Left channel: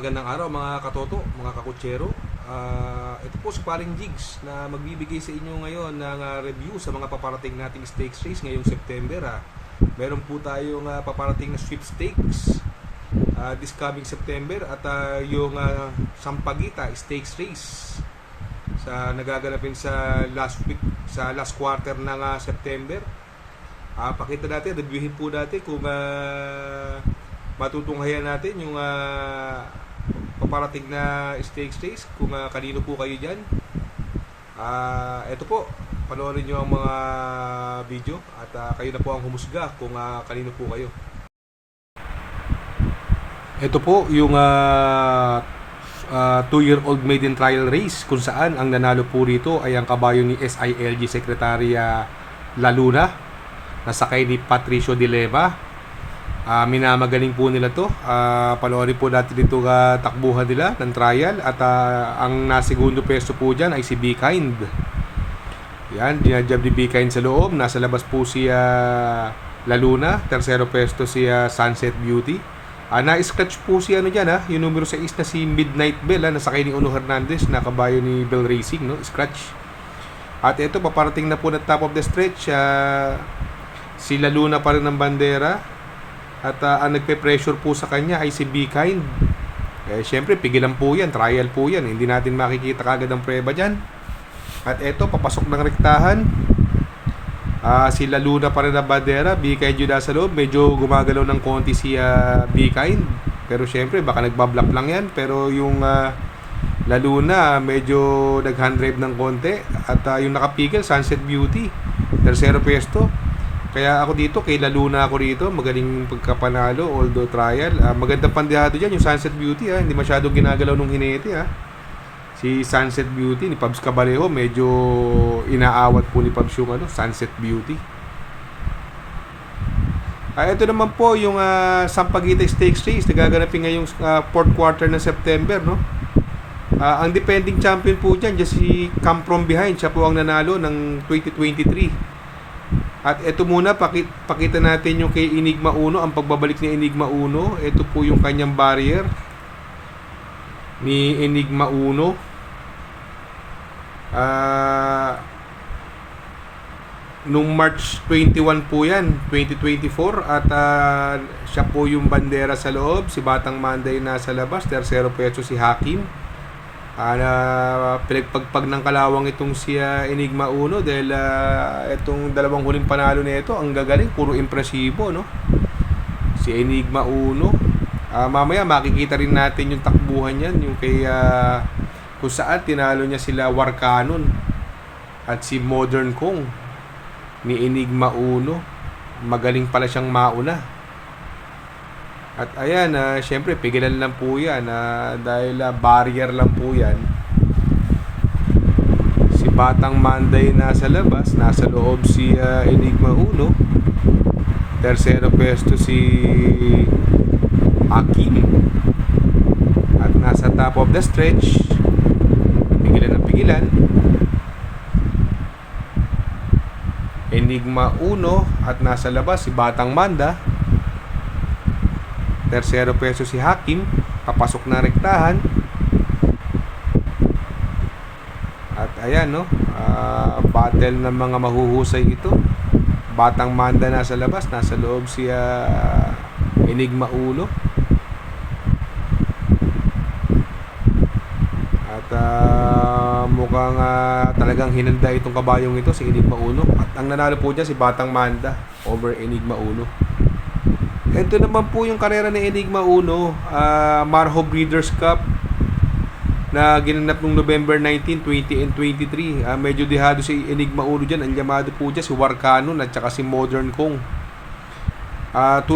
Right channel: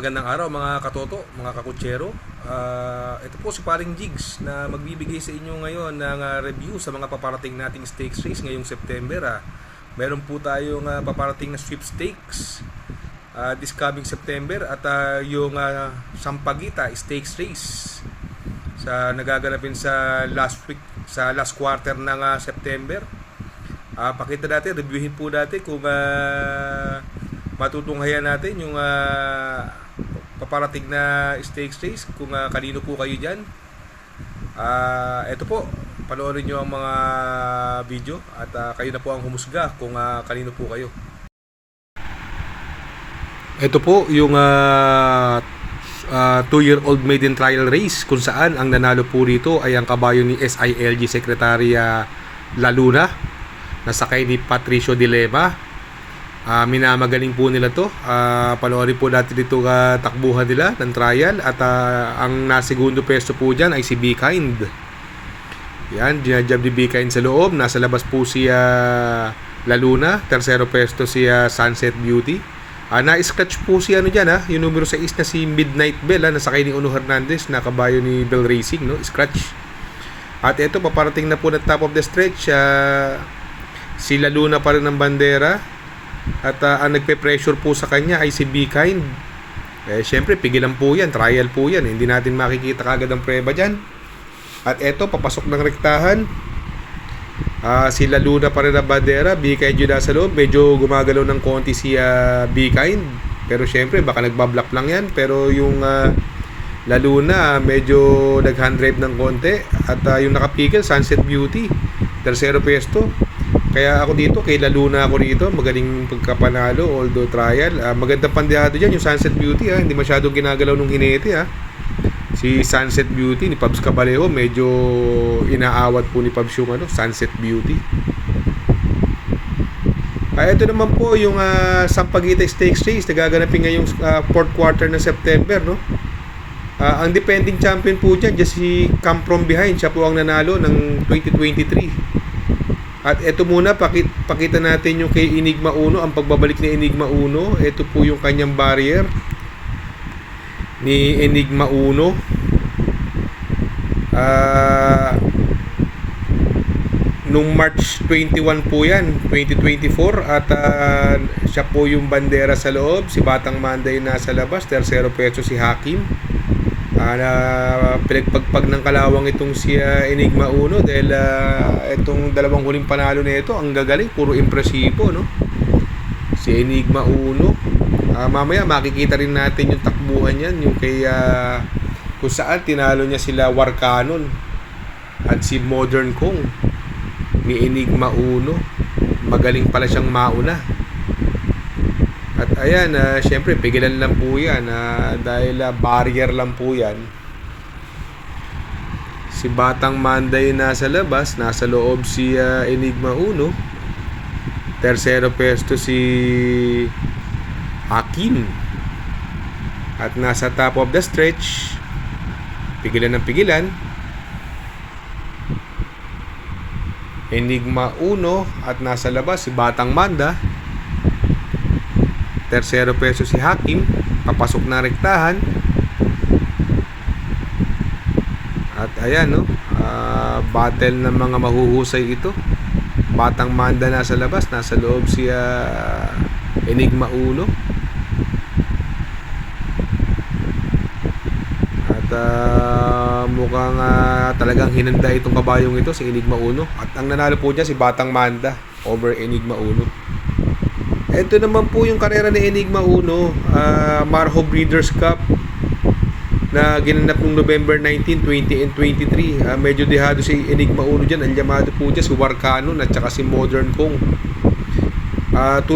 magandang araw mga katoto, mga kakutsero. Ito po si Paring Jigs na magbibigay sa inyo ngayon ng review sa mga paparating nating stakes race ngayong September. Meron po tayong paparating na sweepstakes this coming September at yung Sampaguita Stakes Race sa nagaganapin sa last week, sa last quarter ng September. Pakita natin, reviewin po natin kung matutunghayan natin yung paparating na stakes race, kung kanino po kayo dyan. Ito po, panoorin nyo ang mga video at kayo na po ang humusga kung kanino po kayo. Ito po yung 2-year-old maiden trial race kung saan ang nanalo po rito ay ang kabayo ni SILG Secretary Laluna, nasakay ni Patricio Dilema. Minamagaling po nila to. Panoorin po natin dito takbuhan nila ng trial at ang nasegundo pwesto po dyan ay si Be Kind. Yan, dinajab ni Be Kind sa loob. Nasa labas po si Laluna. Tersero pwesto si Sunset Beauty. Na-scratch po si dyan, yung numero 6 na si Midnight Bell, nasakay ni Uno Hernandez na kabayo ni Bell Racing, no? Scratch. At ito, paparating na po na top of the stretch. Si Laluna pa rin ng bandera. At ang nagpe-pressure po sa kanya ay si Be Kind. Syempre, pigilan po yan, trial po yan. Hindi natin makikita kagad ang preba dyan. At eto, papasok ng rektahan. Si Laluna pa rin ang bandera. Be Kind yun nasa loob. Medyo gumagalaw ng konti si Be Kind. Pero syempre, baka nagbablock lang yan. Pero yung Laluna, medyo nag-hand drive ng konti. At yung nakapigil, Sunset Beauty. Tersero pwesto. Kaya ako dito, kay Laluna ako rito. Magaling pagkapanalo, although trial. Magandang pandehado dyan, yung Sunset Beauty. Hindi masyadong ginagalaw nung hinete. Si Sunset Beauty, ni Pabs Cabalejo, medyo inaawat po ni Pabs yung Sunset Beauty. Ito naman po yung Sampaguita Stakes Race. Nagaganapin ngayong 4th quarter ng September. No? Ang defending champion po dyan, si Come From Behind. Siya po ang nanalo ng 2023. At ito muna, pakita natin yung kay Enigma Uno, ang pagbabalik ni Enigma Uno. Ito po yung kanyang barrier ni Enigma Uno. Nung March 21 po yan, 2024. At siya po yung bandera sa loob. Si Batang Manday nasa labas. Tersero pwesto si Hakim. Pinagpagpag ng kalawang itong si Enigma Uno dahil itong dalawang huling panalo na ito ang gagaling, puro impresibo, no? Si Enigma Uno. Mamaya makikita rin natin yung takbuhan yan, yung kay kung saan tinalo niya sila Warcanon at si Modern Kong ni Enigma Uno. Magaling pala siyang mauna. At ayan, syempre pigilan lang po yan dahil barrier lang po yan. Si Batang Manday nasa labas, nasa loob si Enigma Uno. Tersero pwesto si Hakim. At nasa top of the stretch, pigilan ng pigilan, Enigma Uno. At nasa labas si Batang Manda. Tersero peso si Hakim. Papasok na rektahan. At ayan, no, battle ng mga mahuhusay ito. Batang Manda nasa labas, nasa loob si Enigma Uno. At mukhang talagang hinanda itong kabayong ito, si Enigma Uno. At ang nanalo po dyan si Batang Manda over Enigma Uno. Ito naman po yung karera ni Enigma Uno, Marho Breeders' Cup na ginanap noong November 19, 20 and 23. Medyo dehado si Enigma Uno dyan. Ang llamado po dyan si Warcanon at saka si Modern Kong. 2,000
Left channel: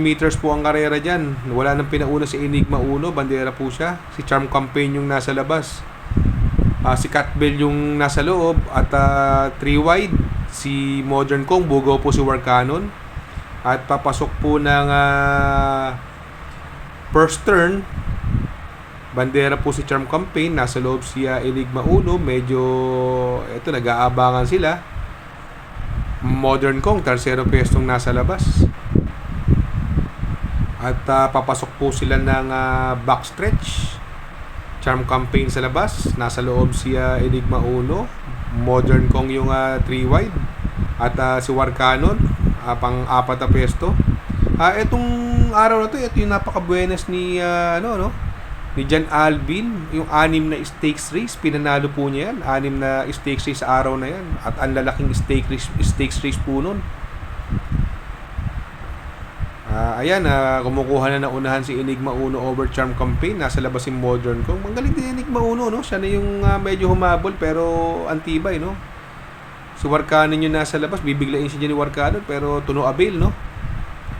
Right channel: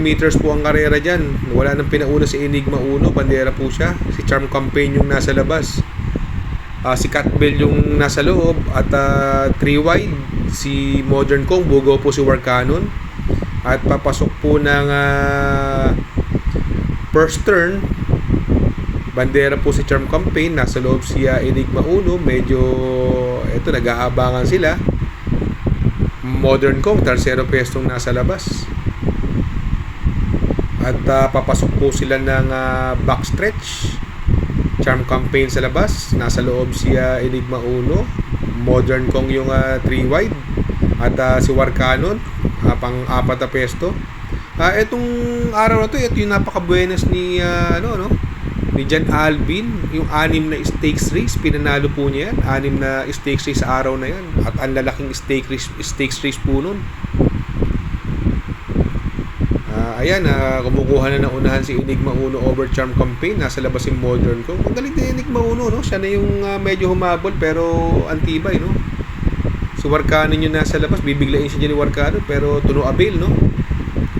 meters po ang karera dyan. Wala nang pinauna si Enigma Uno, bandera po siya. Si Charm Campaign yung nasa labas. Si Catbell yung nasa loob. At 3 wide si Modern Kong, bugaw po si Warcanon. At papasok po ng first turn, bandera po si Charm Campaign, nasa loob si Enigma Uno. Medyo ito, nag-aabangan sila. Modern Kong, tersero pwestong nasa labas. At papasok po sila ng backstretch. Charm campaign sa labas. Nasa loob si Enigma Uno. Modern Kong yung 3 wide. At si Warcanon, pang-apat na pesto. Etong araw na to, ito yung napaka-buenas ni ni John Alvin, yung 6 na stakes race, pinanalo po niya yan. 6 na stakes race sa araw na yan. At ang lalaking stakes race po nun. Ayan, kumukuha na ng unahan si Enigma Uno over Charm Campaign. Nasa labas si Modern Kong. Magaling din Enigma Uno, no? Siya na yung medyo humabol pero antibay, no? Si Warcanon yung nasa labas, bibiglain siya dyan ni Warcanon pero to no avail, no?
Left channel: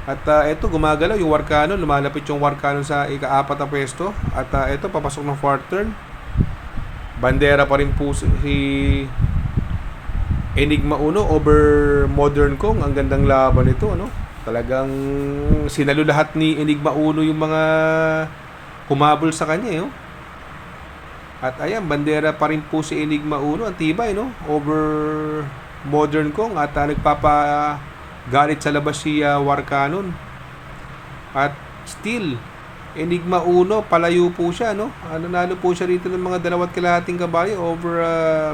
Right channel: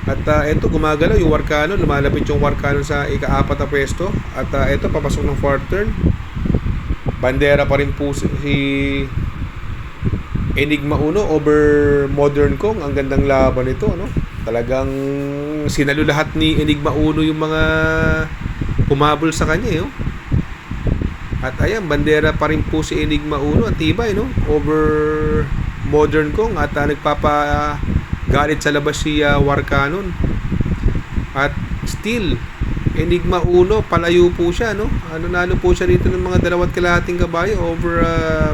At eto, gumagalaw yung Warcanon, lumalapit yung Warcanon sa ika-4 na pwesto. At eto, papasok ng 4th turn. Bandera pa rin po si Enigma Uno over Modern Kong. Ang gandang laban nito, no? Talagang sinalo lahat ni Enigma Uno yung mga humabol sa kanya, no? At ayan, bandera pa rin po si Enigma Uno. Ang tibay, no? Over Modern Kong. At nagpapagalit sa labas si Warcanon. At still, Enigma Uno, palayo po siya, no? Nalo po siya rito ng mga 2.5 kabayo over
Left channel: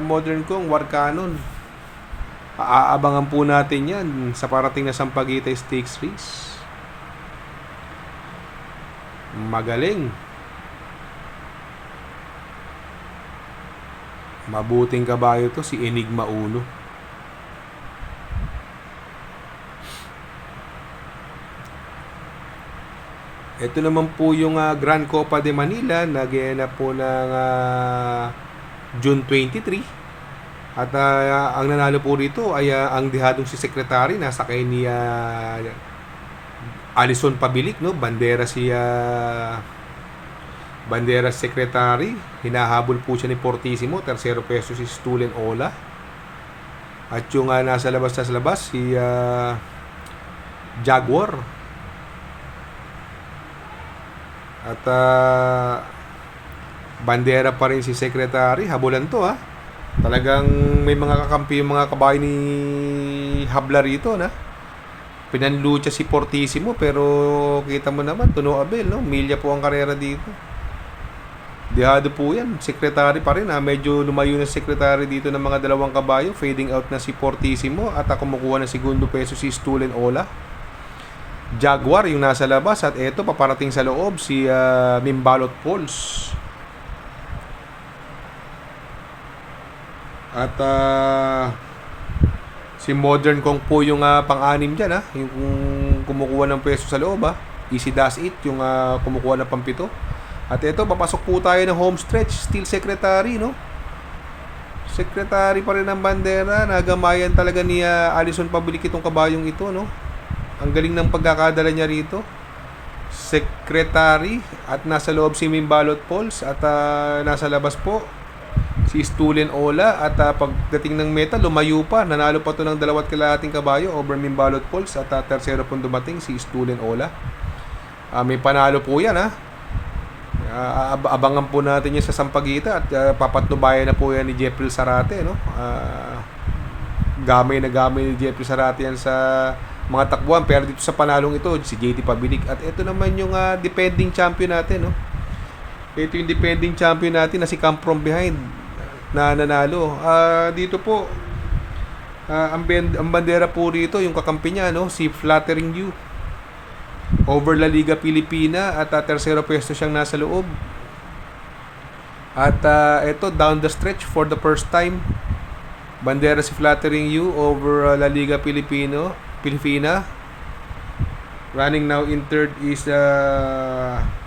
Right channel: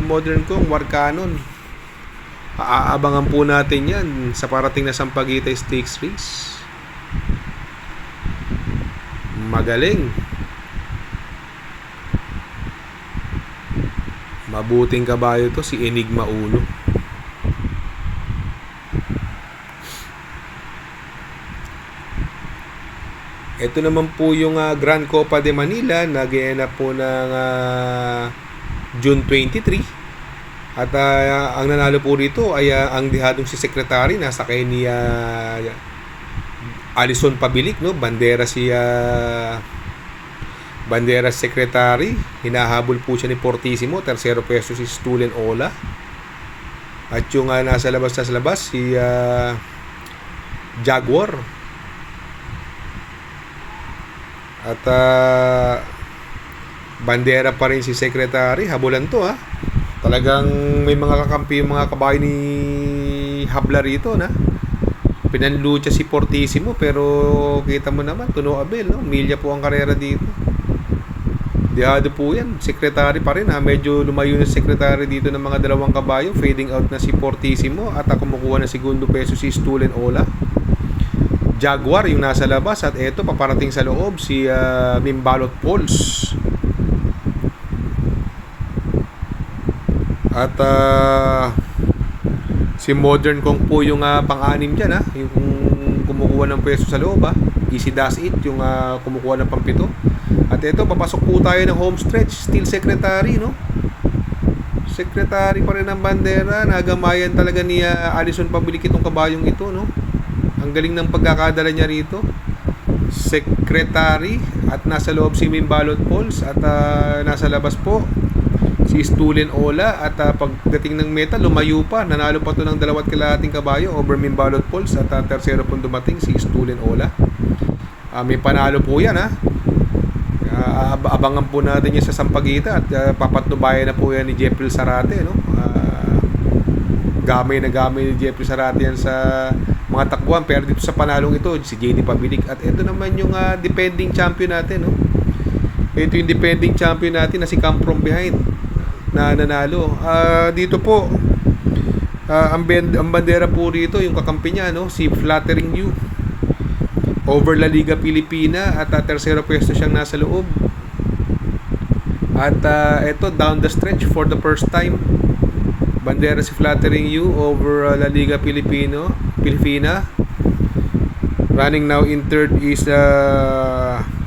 Modern Kong, Warcanon. Aabangan po natin yan sa parating na Sampaguita Stakes Race. Magaling. Mabuting kabayo to si Enigma Uno. Ito naman po yung Grand Copa de Manila na ginanap po ng June 23. At ang nanalo po rito ay ang dihadong si Secretary, nasa kay ni Alison Pabilik, no? Bandera Secretary, hinahabol po siya ni Fortissimo, tercero peso si Stolen Ola. At yung nasa labas si Jaguar. At bandera pa rin si Secretary, habulan to, Talagang may mga kakampi yung mga kabayo ni Habla rito, na pinanlucha si Fortissimo, pero kita mo naman, tuno abel, no? Milya po ang karera dito. Dihado po yan. Secretary pa rin, medyo lumayo na Secretary dito ng mga 2 kabayo. Fading out na si Fortissimo at kumukuha ng segundo peso si Stolen Ola. Jaguar yung nasa labas. At eto, paparating sa loob si Mimbalot Pulse. At si Modern Kong po yung pang-anim dyan, yung kumukuha ng pwesto sa loob, Easy Dash It yung kumukuha ng pang-7. At ito, papasok po tayo ng home stretch. Still Secretary, no? Secretary pa rin ang bandera. Nagamayan talaga ni Alison Pabilik itong kabayong ito, no? Ang galing ng pagkakadala niya rito. Secretary. At nasa loob si Mimbalot Pulse. At nasa labas po si Stolen Ola. At pagdating ng meta, lumayo pa. Nanalo pa to ng 2.5 kabayo over Mimbalot Pulse. At tercero pong dumating si Stolen Ola. May panalo po yan, abangan po natin yan sa Sampaguita. At papatnubayan na po yan ni Jeffrey Sarate, no? Gamay ni Jeffrey Sarate yan sa mga takbuhan. Pero dito sa panalong ito, si JD Pabilik. At ito naman yung defending champion natin, no? Ito yung defending champion natin na si Come From Behind na nanalo. Dito po ang bandera po rito, yung kakampi niya, no? Si Flattering You over La Liga Pilipina. At tercero pwesto siyang nasa loob. At ito, down the stretch for the first time, bandera si Flattering You over La Liga Pilipina. Running now in third is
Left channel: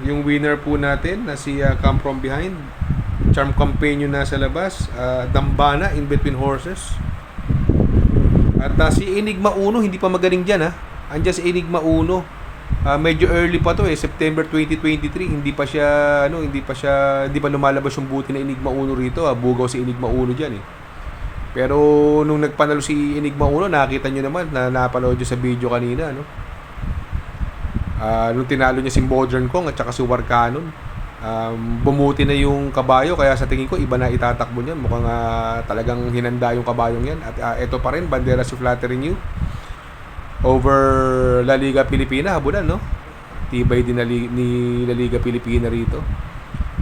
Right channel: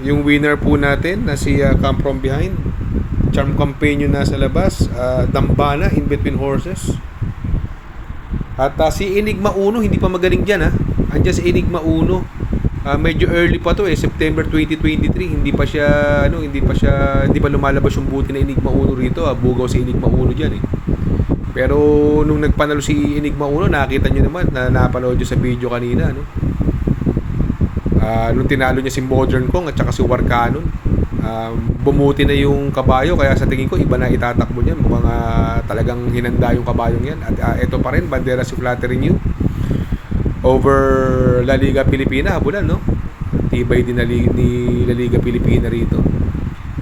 yung winner po natin na si Come From Behind. Charm Campaign yung nasa labas. Dambana in between horses. At si Enigma Uno hindi pa magaling dyan, Andiyan si Enigma Uno. Medyo early pa to, September 2023. Hindi pa lumalabas yung buti na Enigma Uno rito. Bugaw si Enigma Uno diyan, Pero nung nagpanalo si Enigma Uno, nakita niyo naman na napanood niyo sa video kanina, no? Nung tinalo niya si Modern Kong at saka si Warcanon, bumuti na yung kabayo, kaya sa tingin ko iba na itatakbo niyan. Mukhang talagang hinanda yung kabayong yan. At ito pa rin, bandera si Flattering You over La Liga Pilipina, habulan, no? tibay din ni La Liga Pilipina rito.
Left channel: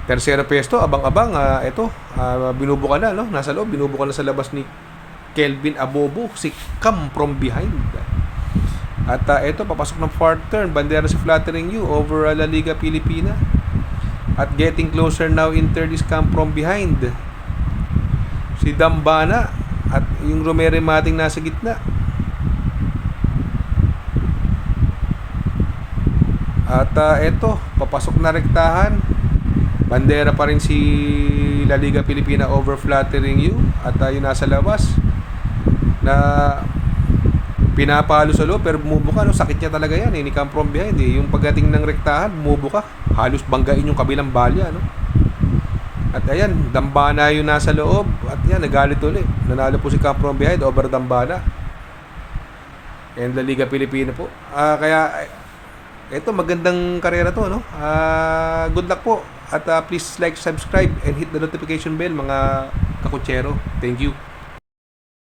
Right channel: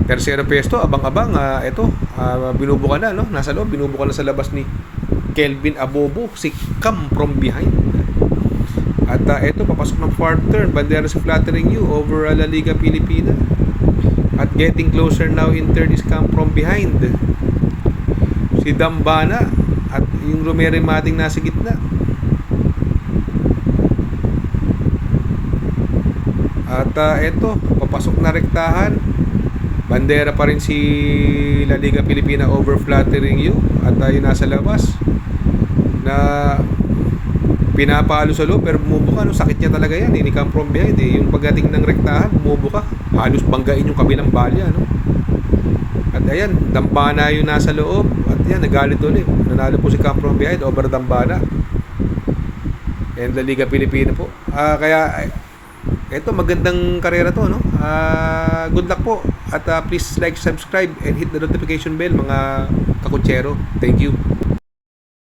Tercero pesto, abang-abang, binubuka na, no? Nasa loob, binubuka na sa labas ni Kelvin Abobo, si Cam from behind. At papasok ng fourth turn, bandera si Flattering You over La Liga Pilipina. At getting closer now in third is Cam from behind. Si Dambana at yung Romero Mating nasa gitna. At papasok na rektahan. Bandera pa rin si La Liga Pilipina over Flattering You. At yung nasa labas na pinapalo sa loob pero bumubuka, no? Sakit niya talaga yan, ni Cam from behind, yung pagdating ng rektahan bumubuka, halos banggain yung kabilang balya, no? At ayan, Dambana yung nasa loob at yan, nagalit ulit, nanalo po si Cam from behind over Dambana and La Liga Pilipina po. Kaya magandang karera to, no? Good luck po at please like, subscribe and hit the notification bell mga kakutsero. Thank you.